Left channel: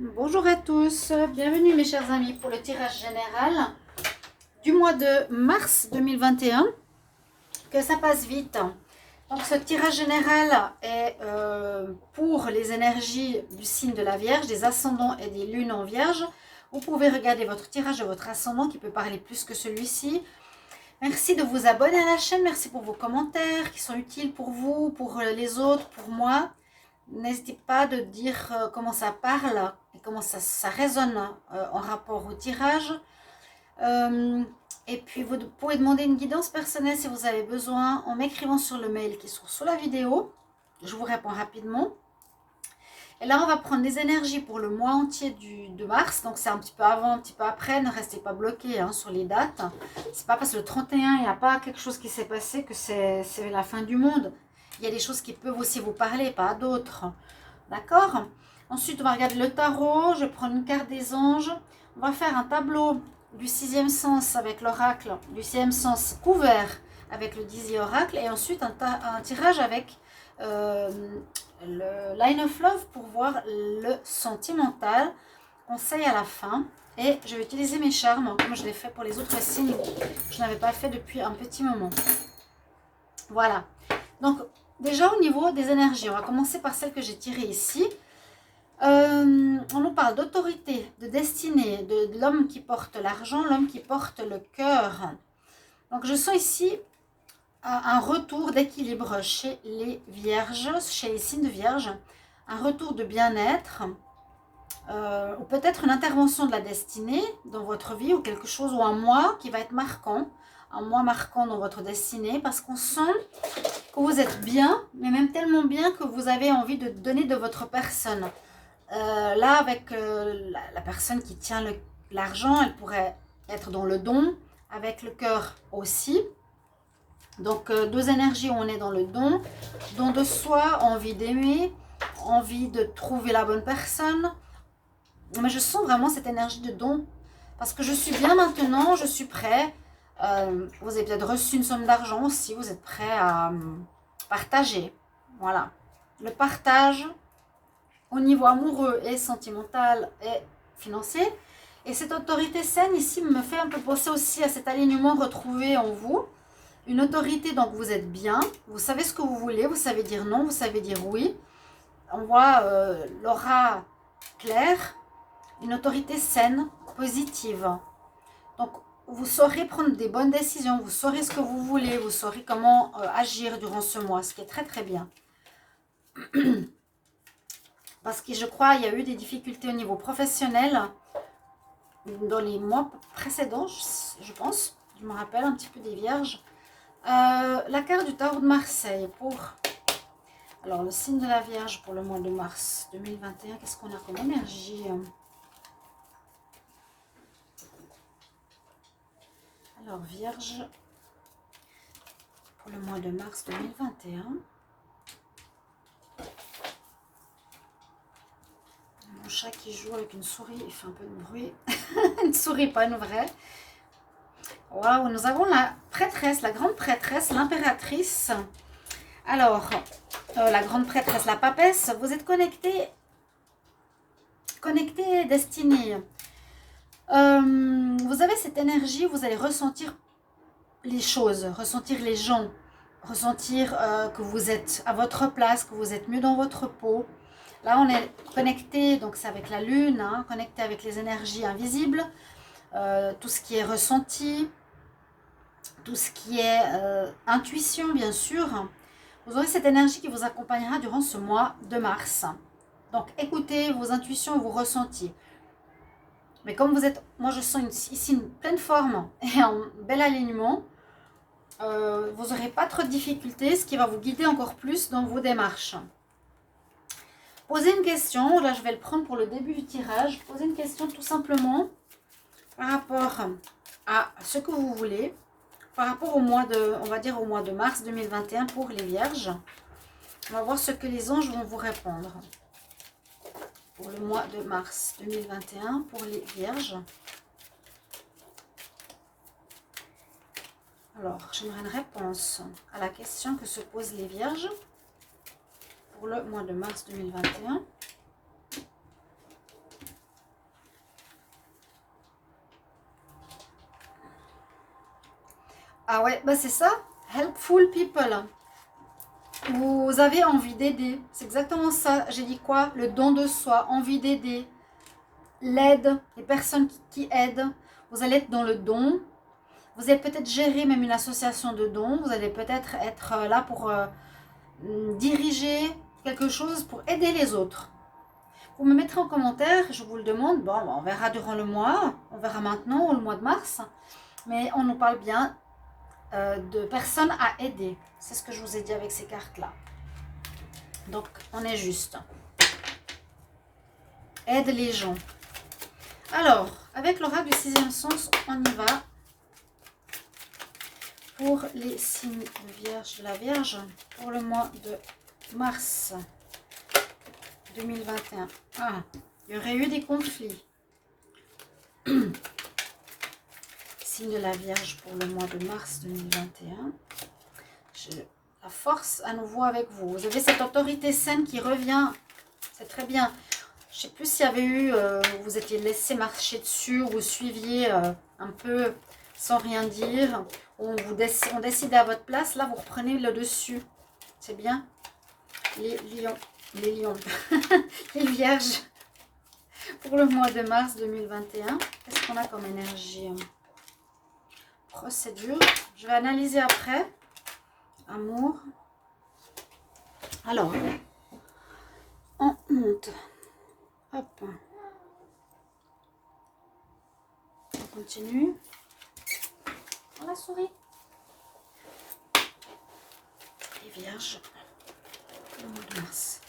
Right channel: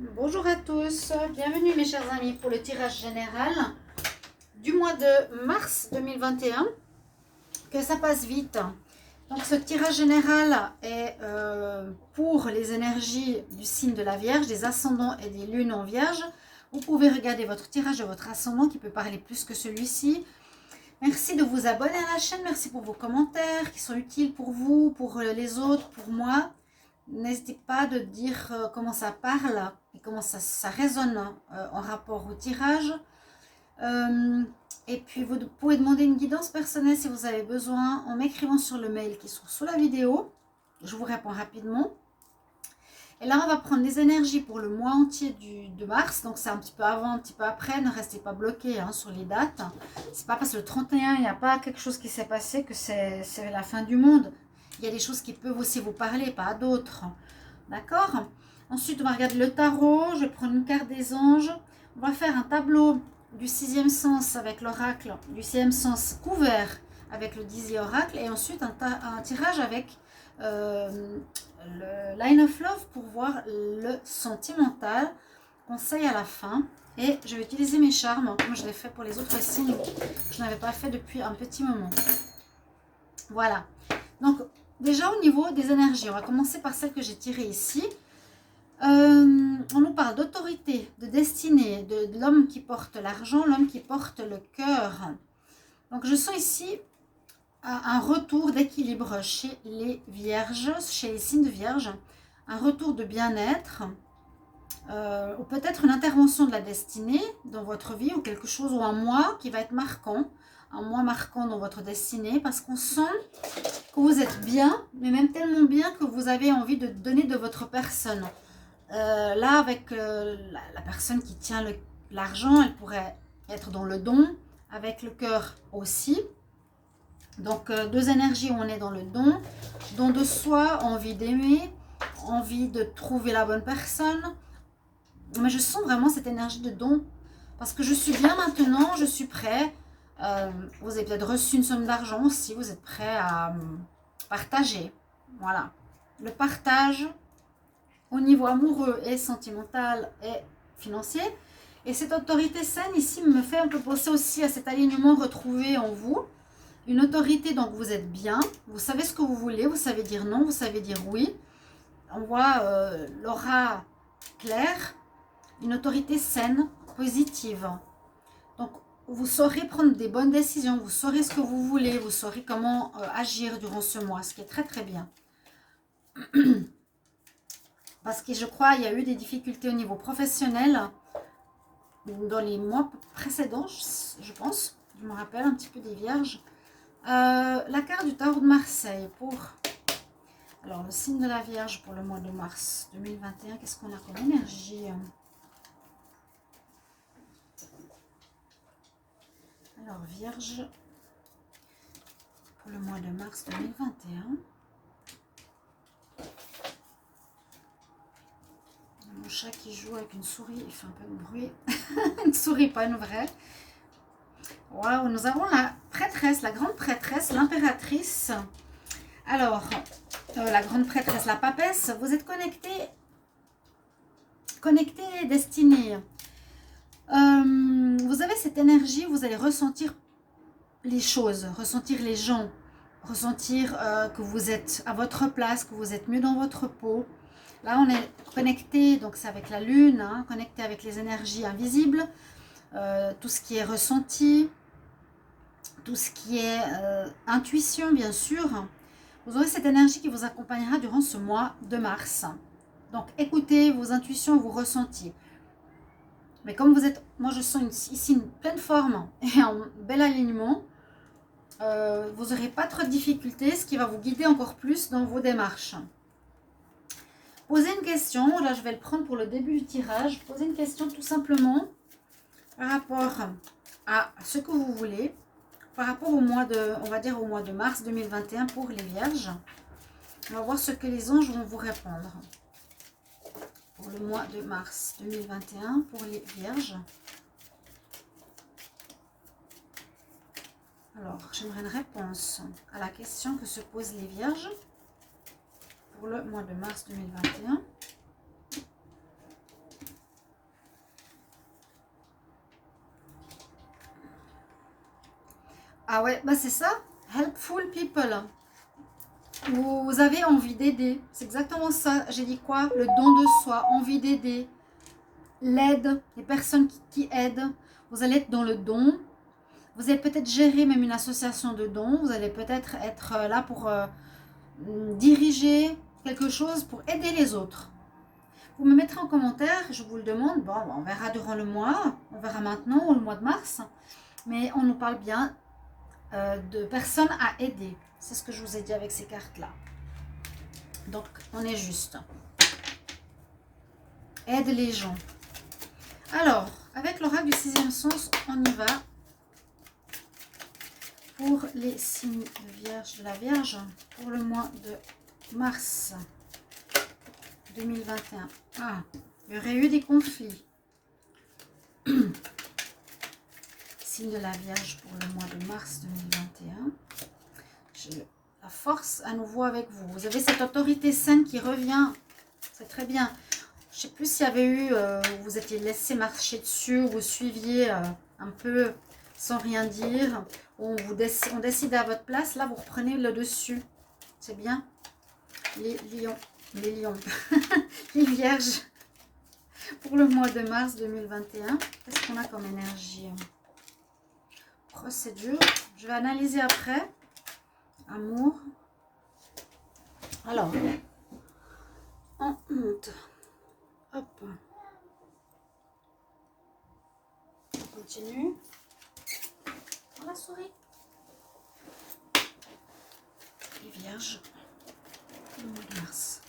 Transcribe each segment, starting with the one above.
Bonjour à tous, bienvenue mes chers amis pour le tirage général du mois de mars 2021. Que ça passe vite. Donc ce tirage général est pour les énergies du signe de la Vierge, des ascendants et des lunes en Vierge. Vous pouvez regarder votre tirage de votre ascendant qui peut parler plus que celui-ci. Merci de vous abonner à la chaîne, merci pour vos commentaires qui sont utiles pour vous, pour les autres, pour moi. N'hésitez pas de dire comment ça parle et comment ça résonne en rapport au tirage. Et puis vous pouvez demander une guidance personnelle si vous avez besoin en m'écrivant sur le mail qui se trouve sous la vidéo. Je vous réponds rapidement. Et là, on va prendre les énergies pour le mois entier de mars. Donc, c'est un petit peu avant, un petit peu après. Ne restez pas bloqués sur les dates. C'est pas parce que le 31, il n'y a pas quelque chose qui s'est passé que c'est la fin du monde. Il y a des choses qui peuvent aussi vous parler, pas d'autres. D'accord? Ensuite, on va regarder le tarot. Je vais prendre une carte des anges. On va faire un tableau du sixième sens avec l'oracle, du sixième sens couvert avec le 10e oracle. Et ensuite, un tirage avec le line of love pour voir le sentimental. Conseil à la fin. Et je vais utiliser mes charmes comme je l'ai fait pour les autres signes. Je n'avais pas fait depuis un petit moment. Voilà. Donc, déjà au niveau des énergies, on va commencer par celle que j'ai tirée ici. On nous parle d'autorité, de destinée, de l'homme qui porte l'argent, l'homme qui porte le cœur. Donc, je sens ici un retour d'équilibre chez les vierges, chez les signes de vierge, un retour de bien-être, ou peut-être une intervention de la destinée dans votre vie, ou quelque chose, ou un mois qui va être marquant, un mois marquant dans votre destinée, parce qu'on sent que vous êtes bien, mais même tellement bien que vous avez envie de donner de votre personne. Là, avec la personne qui tient l'argent, elle pourrait être dans le don, avec le cœur aussi. Donc, deux énergies où on est dans le don de soi, envie d'aimer, envie de trouver la bonne personne. Mais je sens vraiment cette énergie de don parce que je suis bien maintenant, je suis prêt. Vous avez peut-être reçu une somme d'argent aussi, vous êtes prêt à partager. Voilà. Le partage au niveau amoureux et sentimental et financier. Et cette autorité saine ici me fait un peu penser aussi à cet alignement retrouvé en vous. Une autorité, donc vous êtes bien, vous savez ce que vous voulez, vous savez dire non, vous savez dire oui. On voit l'aura claire, une autorité saine, positive. Donc vous saurez prendre des bonnes décisions, vous saurez ce que vous voulez, vous saurez comment agir durant ce mois, ce qui est très très bien. Parce que je crois qu'il y a eu des difficultés au niveau professionnel dans les mois précédents, je pense. Je me rappelle un petit peu des vierges. La carte du tarot de Marseille pour alors le signe de la Vierge pour le mois de mars 2021. Qu'est-ce qu'on a comme énergie? Alors Vierge pour le mois de mars 2021. Mon chat qui joue avec une souris, il fait un peu de bruit. Une souris, pas une vraie. Waouh, nous avons la prêtresse, la grande prêtresse, l'impératrice. Alors, la grande prêtresse, la papesse, vous êtes connecté, destinée. Vous avez cette énergie, vous allez ressentir les choses, ressentir les gens, ressentir que vous êtes à votre place, que vous êtes mieux dans votre peau. Là, on est connecté, donc c'est avec la lune, hein, connecté avec les énergies invisibles, tout ce qui est ressenti, tout ce qui est intuition, bien sûr. Vous aurez cette énergie qui vous accompagnera durant ce mois de mars. Donc, écoutez vos intuitions, vos ressentis. Mais comme vous êtes, moi je sens ici une pleine forme et un bel alignement, vous n'aurez pas trop de difficultés, ce qui va vous guider encore plus dans vos démarches. Posez une question, là je vais le prendre pour le début du tirage. Posez une question tout simplement par rapport à ce que vous voulez, par rapport au mois de, on va dire au mois de mars 2021 pour les vierges. On va voir ce que les anges vont vous répondre pour le mois de mars 2021 pour les vierges. Alors, j'aimerais une réponse à la question que se posent les vierges pour le mois de mars 2021. Ah ouais, bah c'est ça. Helpful people. Vous avez envie d'aider. C'est exactement ça. J'ai dit quoi? Le don de soi, envie d'aider. L'aide, les personnes qui aident. Vous allez être dans le don. Vous allez peut-être gérer même une association de dons. Vous allez peut-être être là pour diriger quelque chose, pour aider les autres. Vous me mettrez en commentaire, je vous le demande. Bon, on verra durant le mois. On verra maintenant, ou le mois de mars. Mais on nous parle bien de personnes à aider. C'est ce que je vous ai dit avec ces cartes-là. Donc, on est juste. Aide les gens. Alors, avec l'oracle du sixième sens, on y va. Pour les signes de la Vierge, pour le mois de mars 2021. Ah, il y aurait eu des conflits. Signe de la Vierge pour le mois de mars 2021. La force à nouveau avec vous. Vous avez cette autorité saine qui revient. C'est très bien. Je ne sais plus s'il y avait eu, vous étiez laissé marcher dessus, ou vous suiviez un peu sans rien dire. On décide à votre place. Là, vous reprenez le dessus. C'est bien. Les lions. Les vierges. Pour le mois de mars 2021. Qu'est-ce qu'on a comme énergie? Procédure. Je vais analyser après. Amour. Alors, on monte. Hop. On continue. Oh, la souris. Les vierges. Le mois de mars.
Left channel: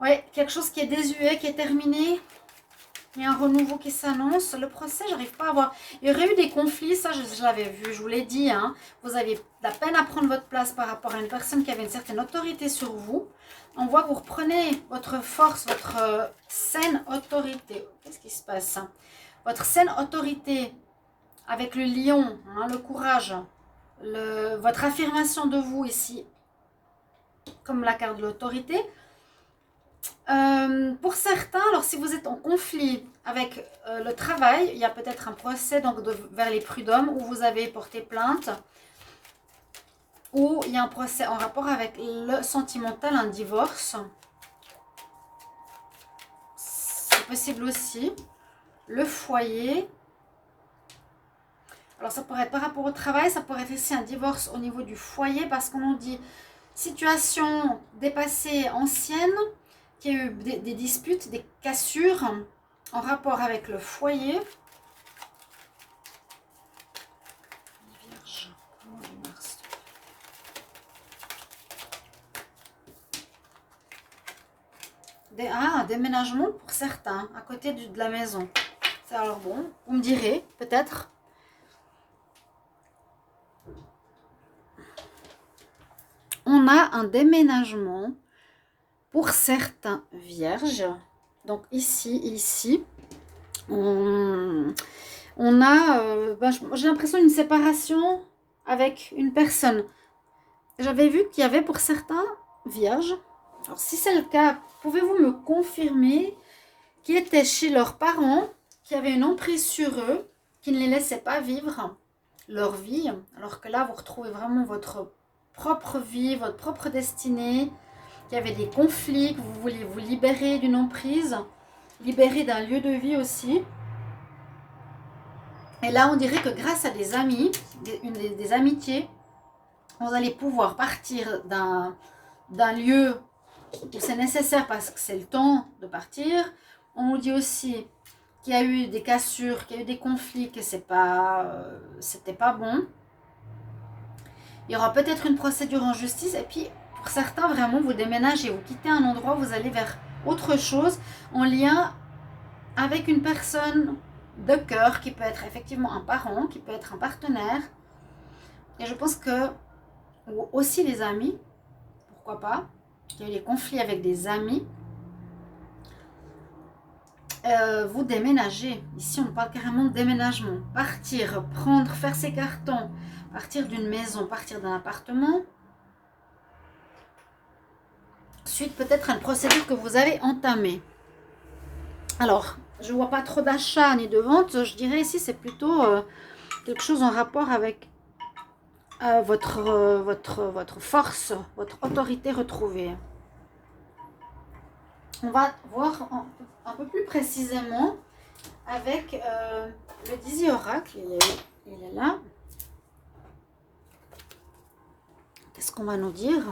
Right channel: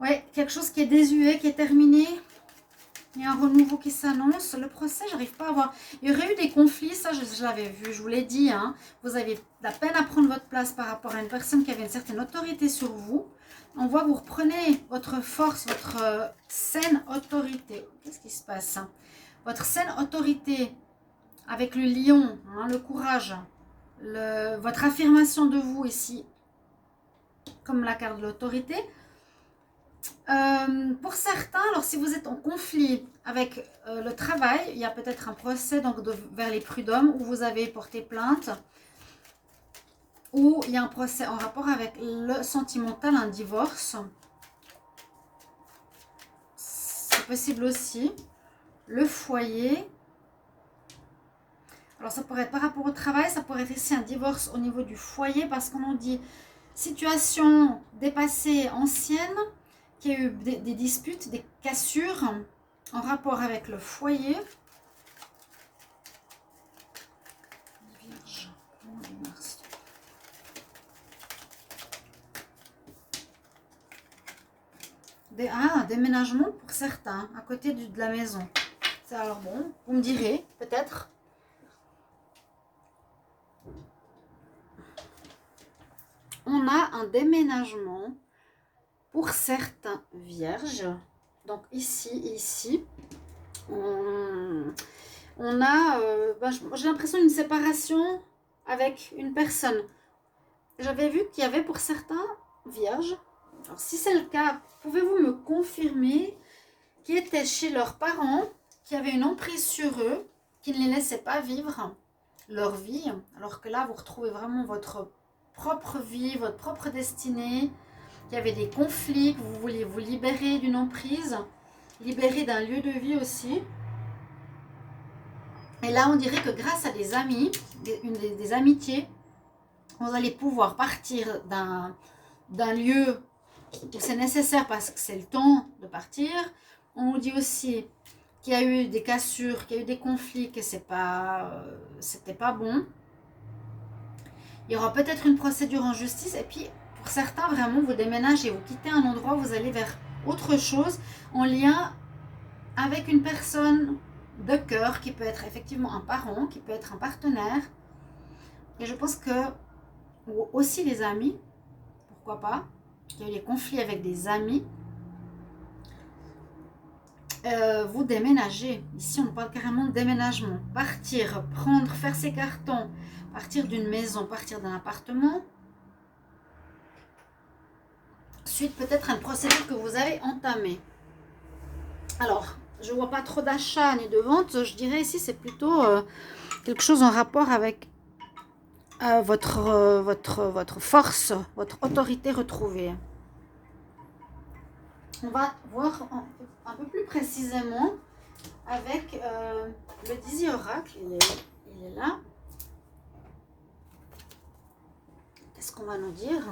Oui, quelque chose qui est désuet, qui est terminé. Il y a un renouveau qui s'annonce. Le procès, j'arrive pas à voir. Il y aurait eu des conflits, ça je l'avais vu, je vous l'ai dit. Hein. Vous avez la peine à prendre votre place par rapport à une personne qui avait une certaine autorité sur vous. On voit que vous reprenez votre force, votre saine autorité. Qu'est-ce qui se passe? Votre saine autorité avec le lion, hein, le courage, votre affirmation de vous ici, comme la carte de l'autorité. Pour certains, alors si vous êtes en conflit avec le travail, il y a peut-être un procès donc vers les prud'hommes où vous avez porté plainte, ou il y a un procès en rapport avec le sentimental, un divorce. C'est possible aussi. Le foyer. Alors ça pourrait être par rapport au travail, ça pourrait être ici un divorce au niveau du foyer parce qu'on nous dit situation dépassée, ancienne, qu'il y a eu des disputes, des cassures en rapport avec le foyer. Vierge, mars. Un déménagement pour certains, à côté de la maison. C'est alors bon, vous me direz, peut-être. On a un déménagement pour certains vierges. Donc ici, on a, j'ai l'impression d'une séparation avec une personne. J'avais vu qu'il y avait pour certains vierges, alors si c'est le cas, pouvez-vous me confirmer qui étaient chez leurs parents, qui avaient une emprise sur eux, qui ne les laissaient pas vivre leur vie, alors que là vous retrouvez vraiment votre propre vie, votre propre destinée, qu'il y avait des conflits, que vous vouliez vous libérer d'une emprise, libérer d'un lieu de vie aussi. Et là, on dirait que grâce à des amis, des amitiés, vous allez pouvoir partir d'un lieu où c'est nécessaire parce que c'est le temps de partir. On nous dit aussi qu'il y a eu des cassures, qu'il y a eu des conflits, que c'était pas bon. Il y aura peut-être une procédure en justice. Et puis, pour certains, vraiment, vous déménagez, vous quittez un endroit, vous allez vers autre chose en lien avec une personne de cœur qui peut être effectivement un parent, qui peut être un partenaire. Et je pense que, ou aussi les amis, pourquoi pas, il y a eu des conflits avec des amis. Vous déménagez. Ici, on parle carrément de déménagement. Partir, prendre, faire ses cartons, partir d'une maison, partir d'un appartement. suite peut-être à une procédure que vous avez entamée. Alors, je ne vois pas trop d'achat ni de vente. Je dirais ici, c'est plutôt quelque chose en rapport avec votre force, votre autorité retrouvée. On va voir un peu plus précisément avec le Dizzy Oracle. Il est là. Qu'est-ce qu'on va nous dire?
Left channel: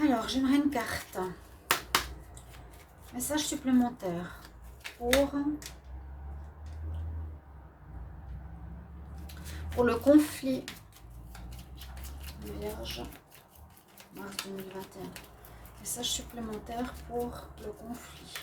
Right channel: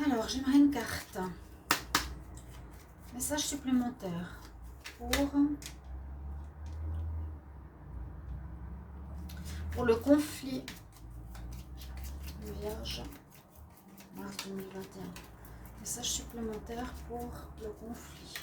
Alors, j'aimerais une carte. Message supplémentaire pour le conflit. Vierge, mars 2021. Message supplémentaire pour le conflit.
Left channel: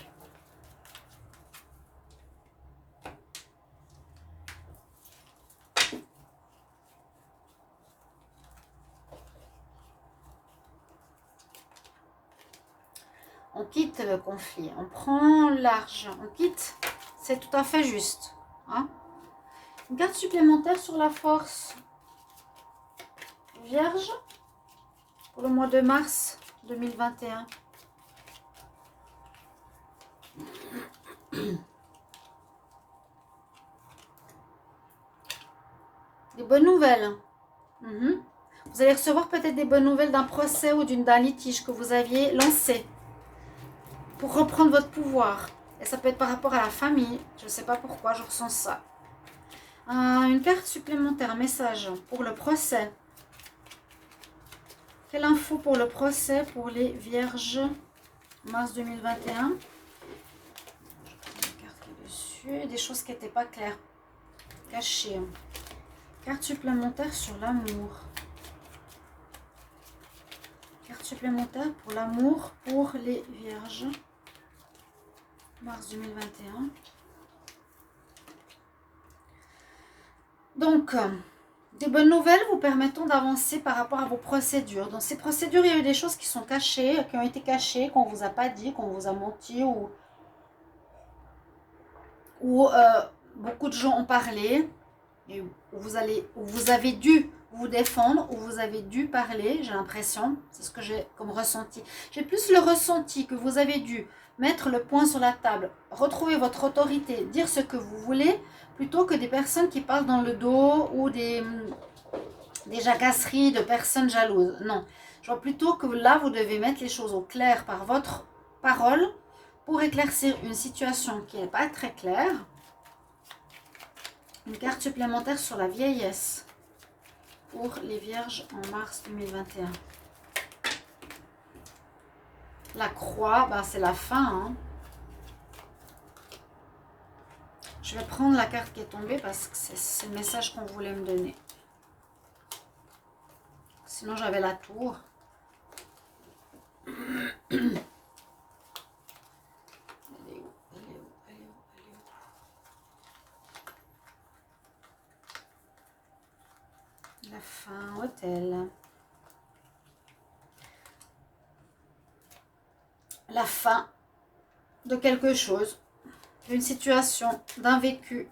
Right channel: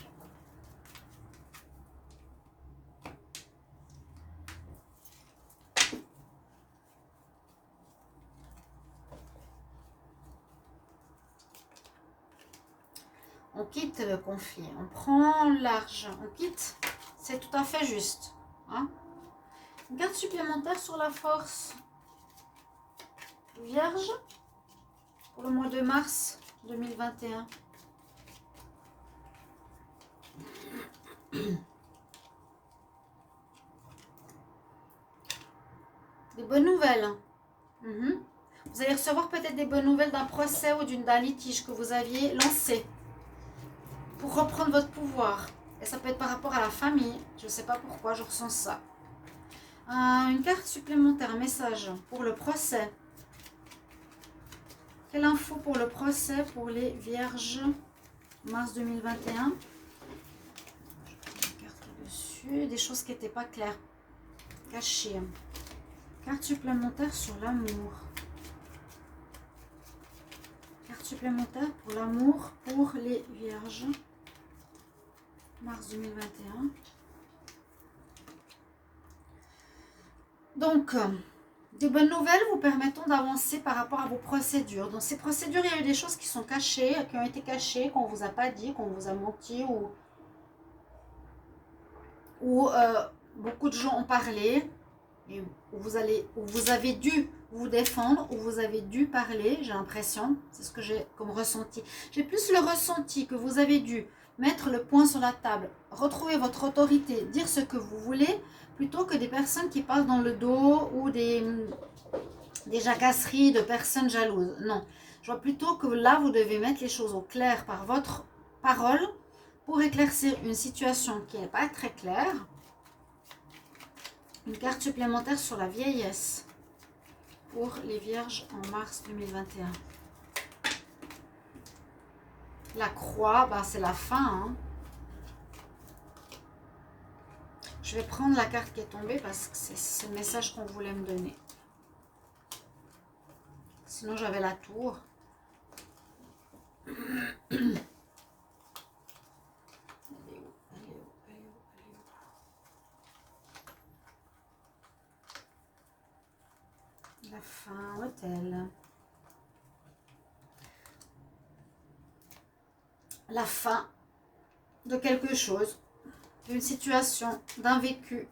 On quitte le conflit, on prend large, on quitte, c'est tout à fait juste. Hein? Une carte supplémentaire sur la force. Vierge, pour le mois de mars 2021. Des bonnes nouvelles. Vous allez recevoir peut-être des bonnes nouvelles d'un procès ou d'un litige que vous aviez lancé pour reprendre votre pouvoir. Et ça peut être par rapport à la famille. Je ne sais pas pourquoi, je ressens ça. Une carte supplémentaire, message pour le procès. Quelle info pour le procès pour les vierges mars 2021? Je prends une carte qui est dessus. Des choses qui n'étaient pas claires. Cachées. Carte supplémentaire sur l'amour. Carte supplémentaire pour l'amour pour les vierges mars 2021. Donc, des bonnes nouvelles vous permettant d'avancer par rapport à vos procédures. Dans ces procédures, il y a eu des choses qui sont cachées, qui ont été cachées, qu'on ne vous a pas dit, qu'on vous a menti ou beaucoup de gens ont parlé. Et où vous avez dû vous défendre, où vous avez dû parler, j'ai l'impression, c'est ce que j'ai comme ressenti. J'ai plus le ressenti que vous avez dû mettre le poing sur la table, retrouver votre autorité, dire ce que vous voulez, plutôt que des personnes qui parlent dans le dos ou des jacasseries de personnes jalouses. Non, je vois plutôt que là, vous devez mettre les choses au clair par votre parole pour éclaircir une situation qui n'est pas très claire. Une carte supplémentaire sur la vieillesse pour les vierges en mars 2021. La croix, ben c'est la fin. Hein. Je vais prendre la carte qui est tombée parce que c'est le message qu'on voulait me donner. Sinon, j'avais la tour. La fin, hôtel. La fin de quelque chose, d'une situation, d'un vécu.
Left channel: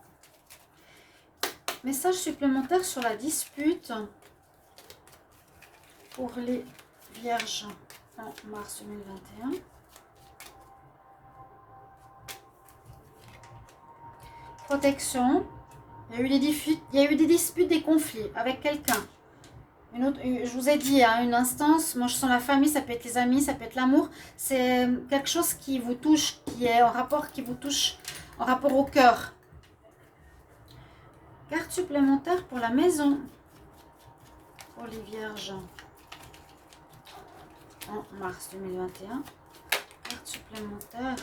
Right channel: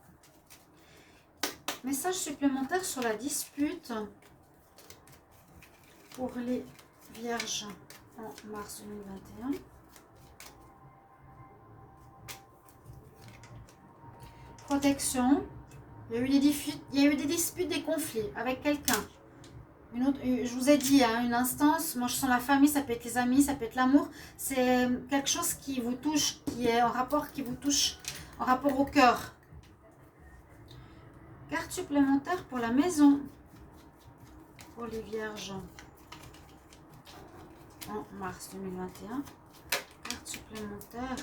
Message supplémentaire sur la dispute pour les vierges en mars 2021. Protection. Il y a eu des disputes, des conflits avec quelqu'un. Je vous ai dit, hein, une instance, moi je sens la famille, ça peut être les amis, ça peut être l'amour. C'est quelque chose qui vous touche, qui est en rapport, qui vous touche en rapport au cœur. Carte supplémentaire pour la maison, pour les vierges en mars 2021. Carte supplémentaire.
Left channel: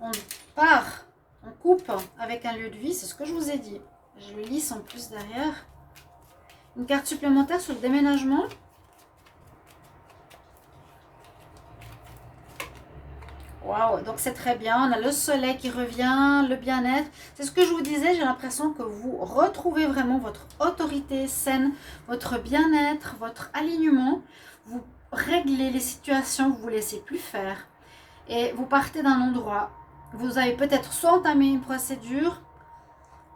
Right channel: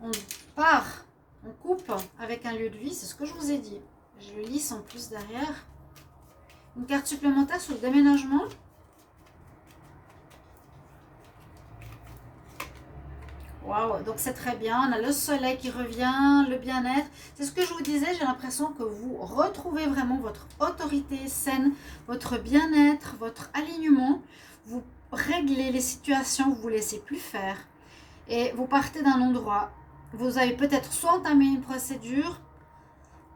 On part, on coupe avec un lieu de vie, c'est ce que je vous ai dit. Je le lis en plus derrière. Une carte supplémentaire sur le déménagement. Waouh, donc c'est très bien. On a le soleil qui revient, le bien-être. C'est ce que je vous disais, j'ai l'impression que vous retrouvez vraiment votre autorité saine, votre bien-être, votre alignement. Vous réglez les situations que vous ne laissez plus faire. Et vous partez d'un endroit. Vous avez peut-être soit entamé une procédure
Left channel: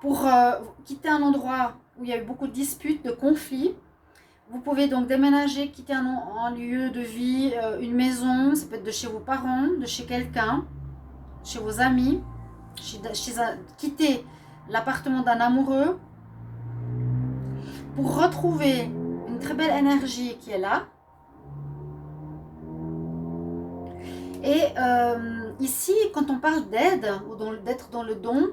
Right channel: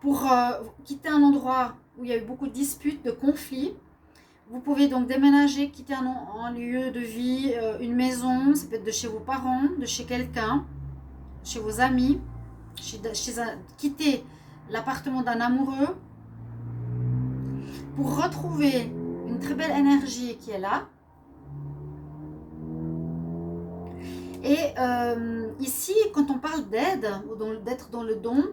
pour quitter un endroit où il y a eu beaucoup de disputes, de conflits. Vous pouvez donc déménager, quitter un lieu de vie, une maison, ça peut être de chez vos parents, de chez quelqu'un, chez vos amis, quitter l'appartement d'un amoureux pour retrouver une très belle énergie qui est là. Et ici, quand on parle d'aide ou d'être dans le don,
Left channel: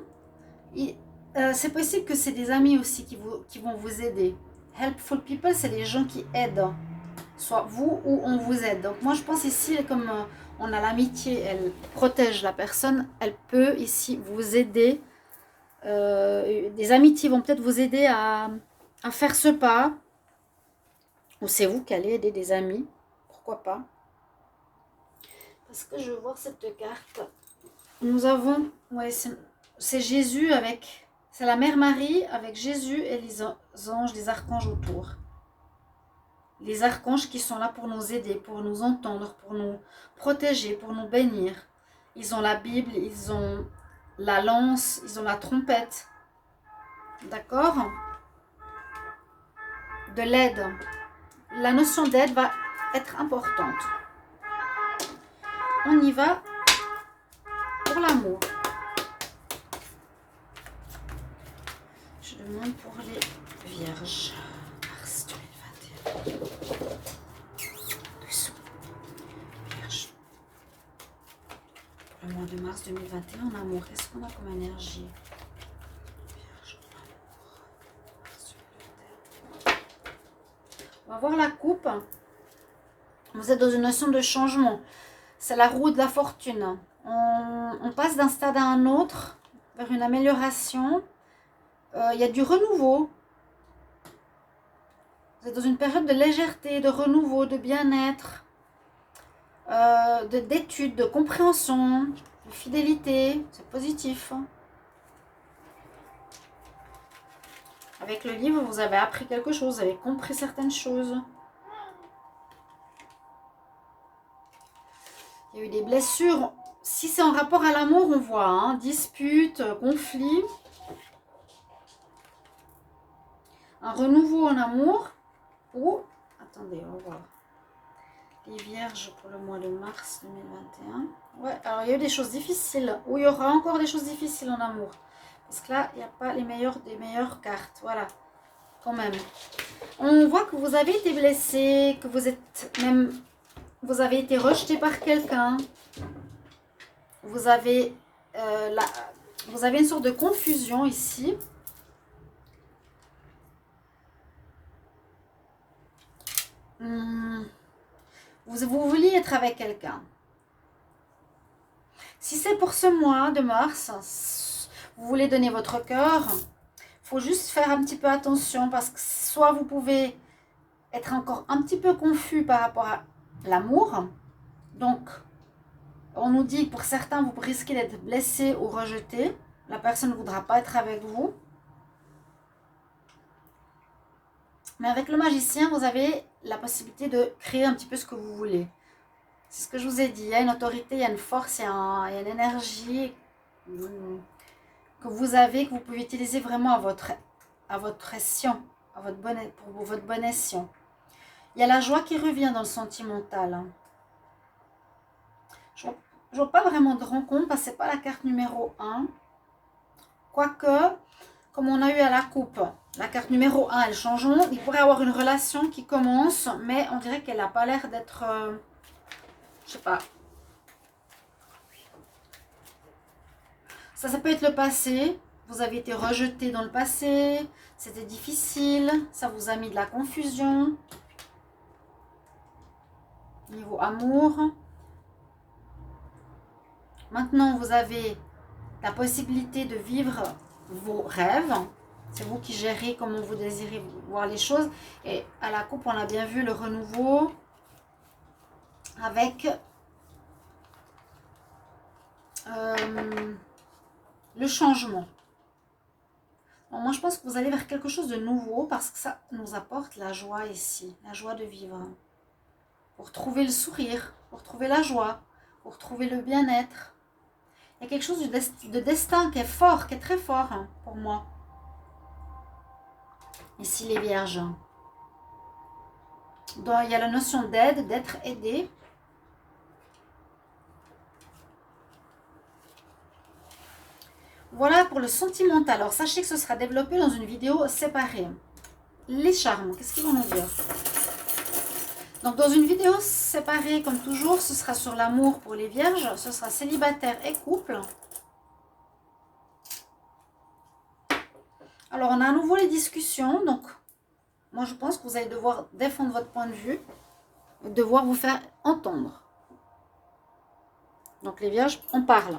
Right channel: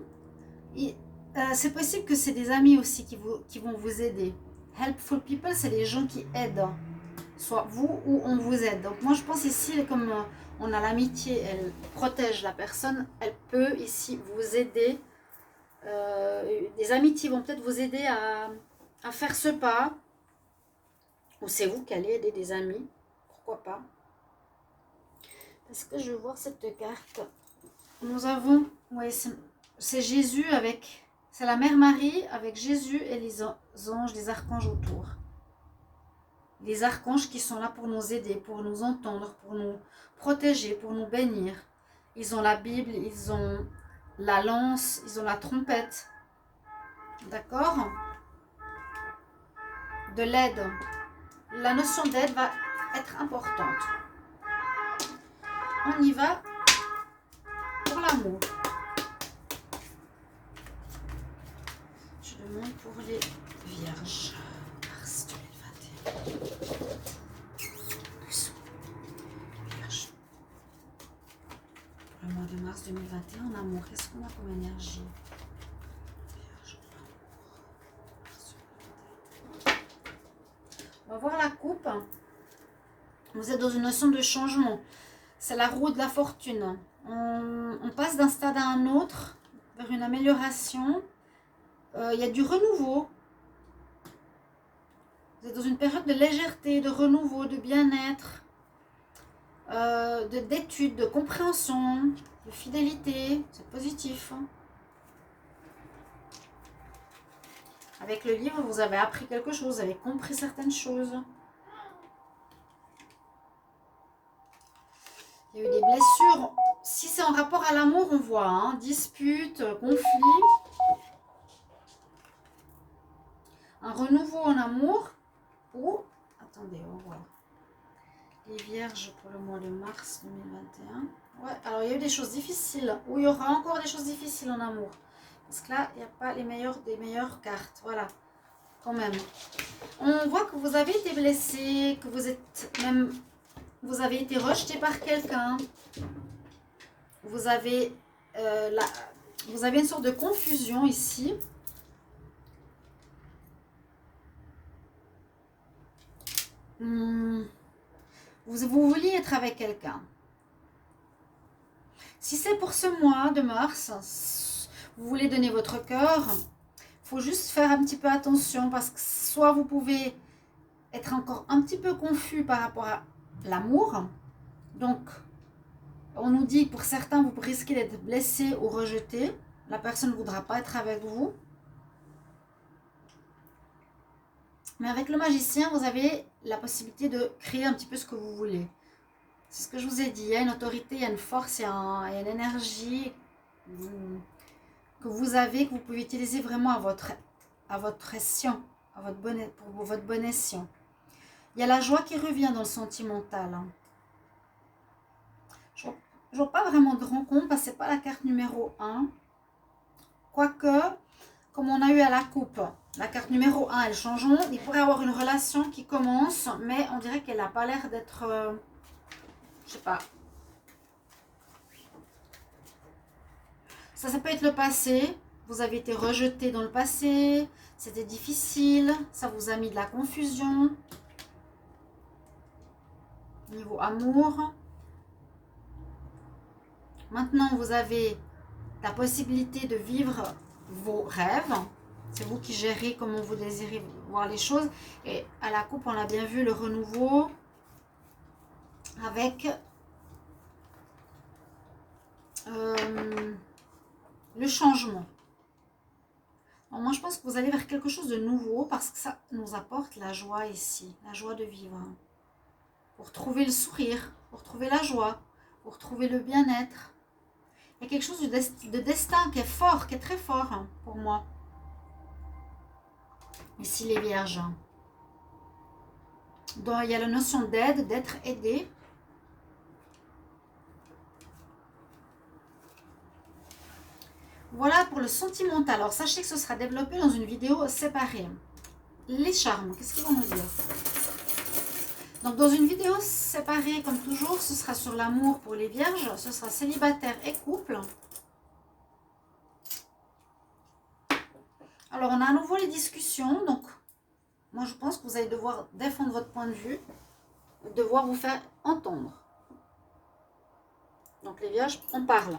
c'est possible que c'est des amis aussi qui vont vous aider. Helpful people, c'est les gens qui aident, soit vous ou on vous aide. Donc moi je pense ici, comme on a l'amitié, elle protège la personne, elle peut ici vous aider. Des amitiés vont peut-être vous aider à faire ce pas. Ou c'est vous qui allez aider des amis, pourquoi pas. Parce que je vois cette carte. Nous avons, ouais, c'est Jésus avec, c'est la Mère Marie avec Jésus et les anges, les archanges autour. Les archanges qui sont là pour nous aider, pour nous entendre, pour nous protéger, pour nous bénir. Ils ont la Bible, ils ont la lance, ils ont la trompette. D'accord? De l'aide. La notion d'aide va être importante. On y va pour l'amour. Je demande pour les vierges. Mars 2021. Vierge. Pour le mois de mars 2021, en amour, qu'est-ce qu'on a comme énergie? Vierge, amour. On va voir la coupe. Vous êtes dans une notion de changement. C'est la roue de la fortune. On passe d'un stade à un autre, vers une amélioration. Il y a du renouveau. Vous êtes dans une période de légèreté, de renouveau, de bien-être, d'étude, de compréhension, de fidélité. C'est positif. Avec le livre, vous avez appris quelque chose, vous avez compris certaines choses. Il y a eu des blessures. Si c'est en rapport à l'amour, on voit, hein, disputes, conflits. Un renouveau en amour. Ou, attendez, on va voir. Les vierges pour le mois de mars 2021. Ouais, alors il y a eu des choses difficiles. Ou il y aura encore des choses difficiles en amour. Parce que là, il n'y a pas les meilleures des meilleures cartes. Voilà, quand même. On voit que vous avez été blessé, que vous êtes même... Vous avez été rejeté par quelqu'un. Vous avez une sorte de confusion ici. Vous vouliez être avec quelqu'un. Si c'est pour ce mois de mars, vous voulez donner votre cœur, il faut juste faire un petit peu attention parce que soit vous pouvez être encore un petit peu confus par rapport à l'amour. Donc, on nous dit que pour certains, vous risquez d'être blessé ou rejeté. La personne ne voudra pas être avec vous. Mais avec le magicien, vous avez la possibilité de créer un petit peu ce que vous voulez. C'est ce que je vous ai dit. Il y a une autorité, il y a une force, il y a une énergie que vous avez, que vous pouvez utiliser vraiment à votre escient, pour votre bon escient. Il y a la joie qui revient dans le sentimental. Je ne vois pas vraiment de rencontre parce que ce n'est pas la carte numéro 1. Quoique, comme on a eu à la coupe, la carte numéro 1, elle change. Il pourrait y avoir une relation qui commence, mais on dirait qu'elle n'a pas l'air d'être... je sais pas. Ça peut être le passé. Vous avez été rejeté dans le passé. C'était difficile. Ça vous a mis de la confusion. Niveau amour. Maintenant, vous avez la possibilité de vivre vos rêves. C'est vous qui gérez comment vous désirez voir les choses. Et à la coupe, on a bien vu le renouveau avec le changement. Bon, moi, je pense que vous allez vers quelque chose de nouveau parce que ça nous apporte la joie ici, la joie de vivre. Pour trouver le sourire, pour trouver la joie, pour trouver le bien-être. Il y a quelque chose de destin qui est fort, qui est très fort pour moi. Ici, les vierges. Donc, il y a la notion d'aide, d'être aidé. Voilà pour le sentimental. Alors, sachez que ce sera développé dans une vidéo séparée. Les charmes, qu'est-ce qu'ils vont nous dire? Donc, dans une vidéo séparée, comme toujours, ce sera sur l'amour pour les vierges. Ce sera célibataire et couple. Alors, on a à nouveau les discussions. Donc, moi, je pense que vous allez devoir défendre votre point de vue. Devoir vous faire entendre. Donc, les vierges, on parle.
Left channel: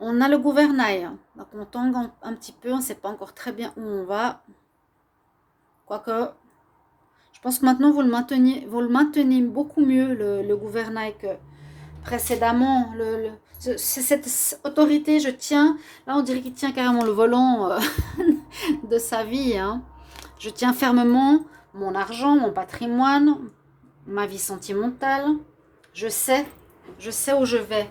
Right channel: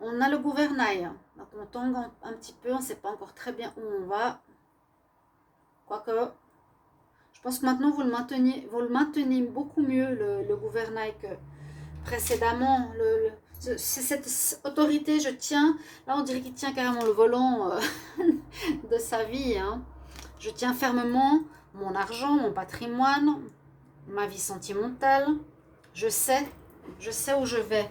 On a le gouvernail. Donc, on tangue un petit peu. On ne sait pas encore très bien où on va. Quoique, je pense que maintenant, vous le maintenez beaucoup mieux, le gouvernail, que précédemment. Cette autorité, je tiens. Là, on dirait qu'il tient carrément le volant de sa vie. Hein. Je tiens fermement mon argent, mon patrimoine, ma vie sentimentale. Je sais où je vais.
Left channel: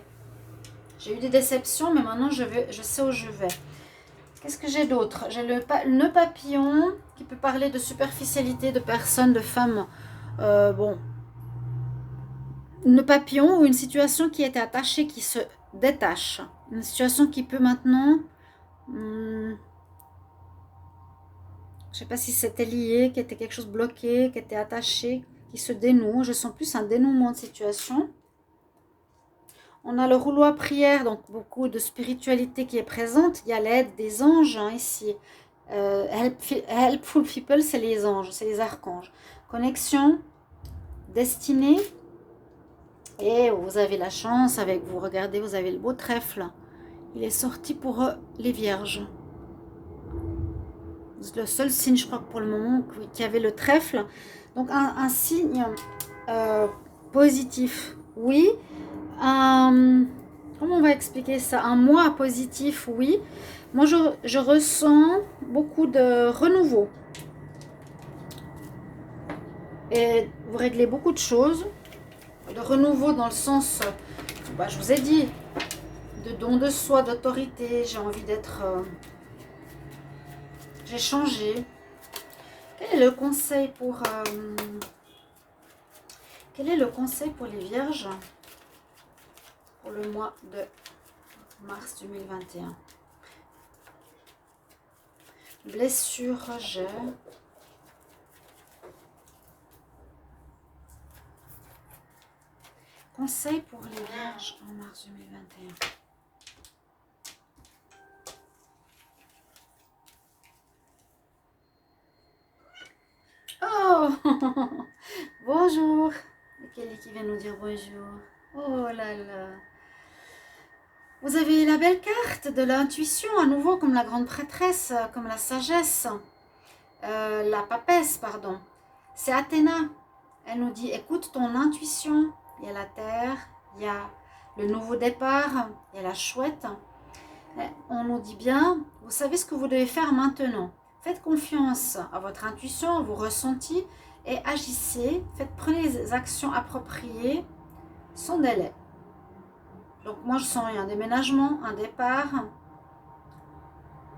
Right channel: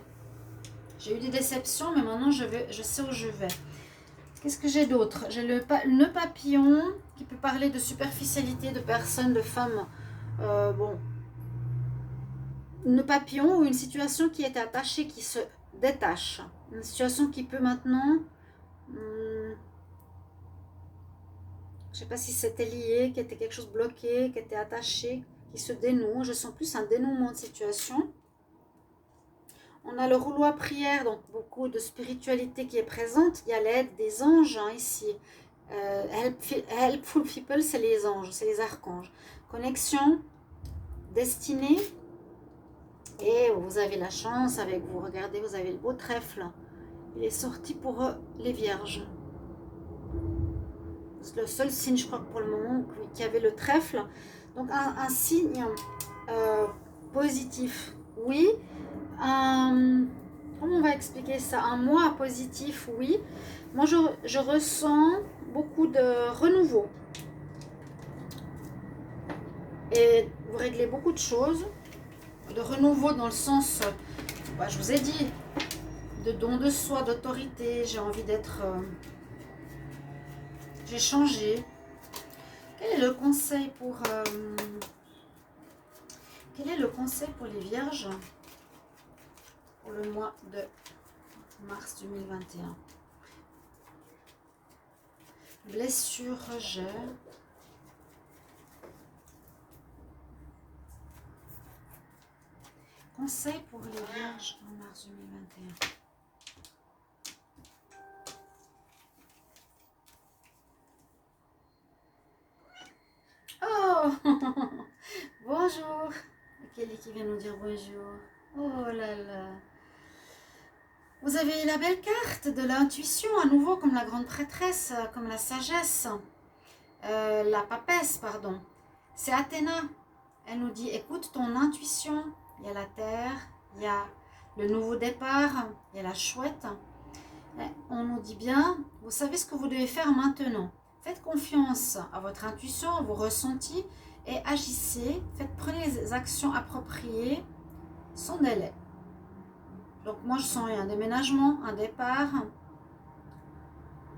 J'ai eu des déceptions, mais maintenant je sais où je vais. Qu'est-ce que j'ai d'autre? J'ai le nœud papillon qui peut parler de superficialité, de personnes, de femmes. Bon. Nœud papillon ou une situation qui était attachée, qui se détache. Une situation qui peut maintenant... je ne sais pas si c'était lié, qui était quelque chose bloqué, qui était attaché, qui se dénoue. Je sens plus un dénouement de situation. On a le rouleau à prière, donc beaucoup de spiritualité qui est présente. Il y a l'aide des anges hein, ici. Helpful people, c'est les anges, c'est les archanges. Connexion, destinée. Et vous avez la chance avec vous. Regardez, vous avez le beau trèfle. Il est sorti pour les vierges. C'est le seul signe, je crois, pour le moment, qui avait le trèfle. Donc un signe positif, oui. Comment on va expliquer ça? Un mois positif, oui. Moi, je ressens beaucoup de renouveau. Et vous réglez beaucoup de choses. De renouveau dans le sens, je vous ai dit, de don de soi, d'autorité. J'ai envie d'être... j'ai changé. Quel est le conseil pour... quel est le conseil pour les vierges pour le mois de mars 2021? Blessure, rejet. Conseil pour les vierges en mars 2021. Oh bonjour. Kelly qui vient nous dire bonjour. Oh là là. Vous avez la belle carte de l'intuition, à nouveau, comme la grande prêtresse, comme la sagesse, la papesse, pardon. C'est Athéna. Elle nous dit, écoute ton intuition. Il y a la terre, il y a le nouveau départ, il y a la chouette. On nous dit bien, vous savez ce que vous devez faire maintenant. Faites confiance à votre intuition, à vos ressentis et agissez. Prenez les actions appropriées sans délai. Donc moi je sens un déménagement, un départ.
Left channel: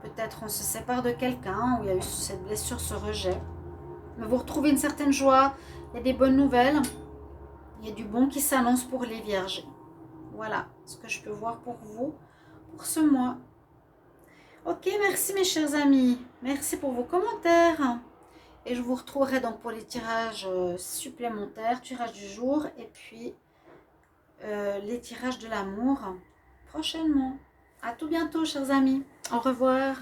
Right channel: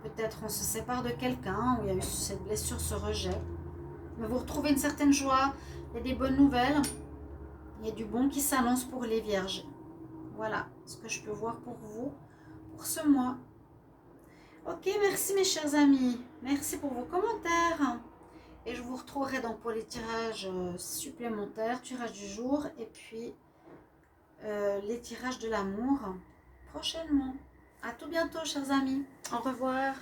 Peut-être on se sépare de quelqu'un où il y a eu cette blessure, ce rejet. Mais vous retrouvez une certaine joie, il y a des bonnes nouvelles. Il y a du bon qui s'annonce pour les vierges. Voilà ce que je peux voir pour vous pour ce mois. Ok, merci mes chers amis. Merci pour vos commentaires. Et je vous retrouverai donc pour les tirages supplémentaires, tirage du jour et puis les tirages de l'amour prochainement. À tout bientôt chers amis. Au revoir.